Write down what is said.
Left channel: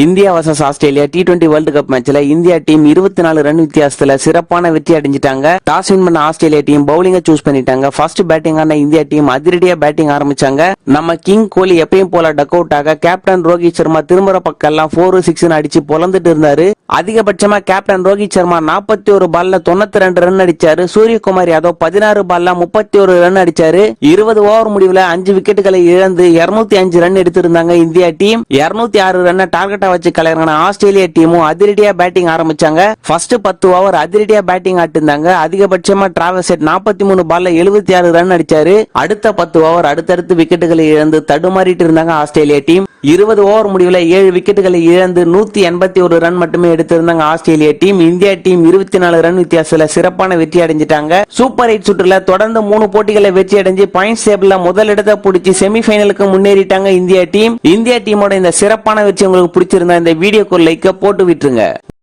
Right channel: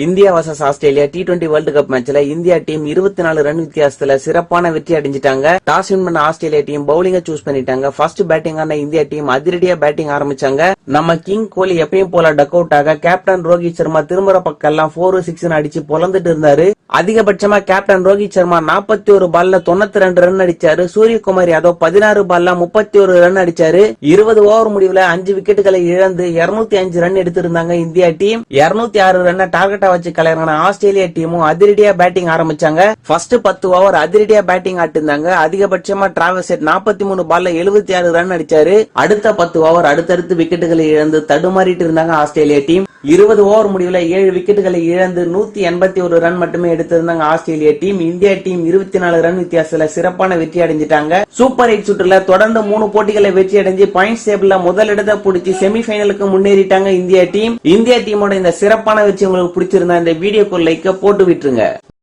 India versus Australia T twenty world cup மேட்ச்ல India team இருபத்தி நாலு ரன் வித்தியாசத்துல சிறப்பான வெற்றி அடைஞ்சிட்டாங்க. டாஸ் வின் பண்ண ஆஸ்திரேலியா டீம் பவுலிங்க சூஸ் பண்ணிட்டாங்க. ஃபர்ஸ்ட் பேட்டிங் ஆன இந்தியா டீம் அதிரடியா பேட்டிங் ஆரம்பிச்சாங்க. நம்ம கிங் கோலி எப்பயும் போல டக் அவுட் ஆக கேப்டன் ரோஹித் சர்மா திரும்புற பக்கம் எல்லாம் போர் சிக்ஸ் அடிச்சு பொலந்துட்டு இருந்தாரு. அதிகபட்சமா கேப்டன் ரோஹித் சர்மா நாற்பத்தி ஒரு பால்ல தொண்ணூத்தி ரெண்டு ரன் அடிச்சாரு. சூரியகுமார் யாதவ் பதினாறு பால்ல முப்பத்தி ஒரு ரன் அடிச்சாரு. இருபது ஓவர் முடிவுல அஞ்சு விக்கெட்டுகளை இழந்து இருநூத்தி அஞ்சு ரன் எடுத்திருந்தாங்க இந்தியா டீம் இருநூத்தி ஆறு ரன் டார்கெட் டார்கெட்டா வச்சு கலைஞரான ஆஸ்திரேலியா டீமும் அதிரடியா பேட்டிங் ஆரம்பிச்சாங்க. ஃபர்ஸ்ட் பத்து ஓவர் அதிரடியா பேட்டிங் ஆட்டிருந்தாங்க. அதிகபட்சமா டிராவல் செட் நாற்பத்தி மூணு பால்ல எழுபத்தி ஆறு ரன் அடிச்சாரு. அடுத்த பத்து ஓவர் அடுத்தடுத்து விக்கெட்டுகளை இழந்து தடுமாறிட்டு இருந்தாங்க ஆஸ்திரேலியா டீம். இருபது ஓவர் முடிவில் ஏழு விக்கெட்டுகளை இழந்து நூத்தி எண்பத்தி ஒரு ரன் மட்டுமே எடுத்திருந்தாங்க ஆஸ்திரேலியா டீம். இந்தியா டீம் இருபத்தி நாலு ரன் வித்தியாசத்துல சிறப்பான வெற்றி அடைஞ்சிட்டாங்க. சூப்பர் எயிட் சுற்றுல தொடர்ந்து மூணு போட்டிகளை வெற்றி அடைஞ்சு பாயிண்ட்ஸ் டேபிள்ல முதலிடத்தை பிடிச்சி செமிஃபைனலுக்கு முன்னேறிட்டாங்க இந்தியா டீம். இந்தியா டீமோட இந்த சிறப்பான வெற்றி உங்களுக்கு பிடிச்சிருந்தா இந்த வீடியோக்கு லைக்க போட்டு விட்டுருங்க.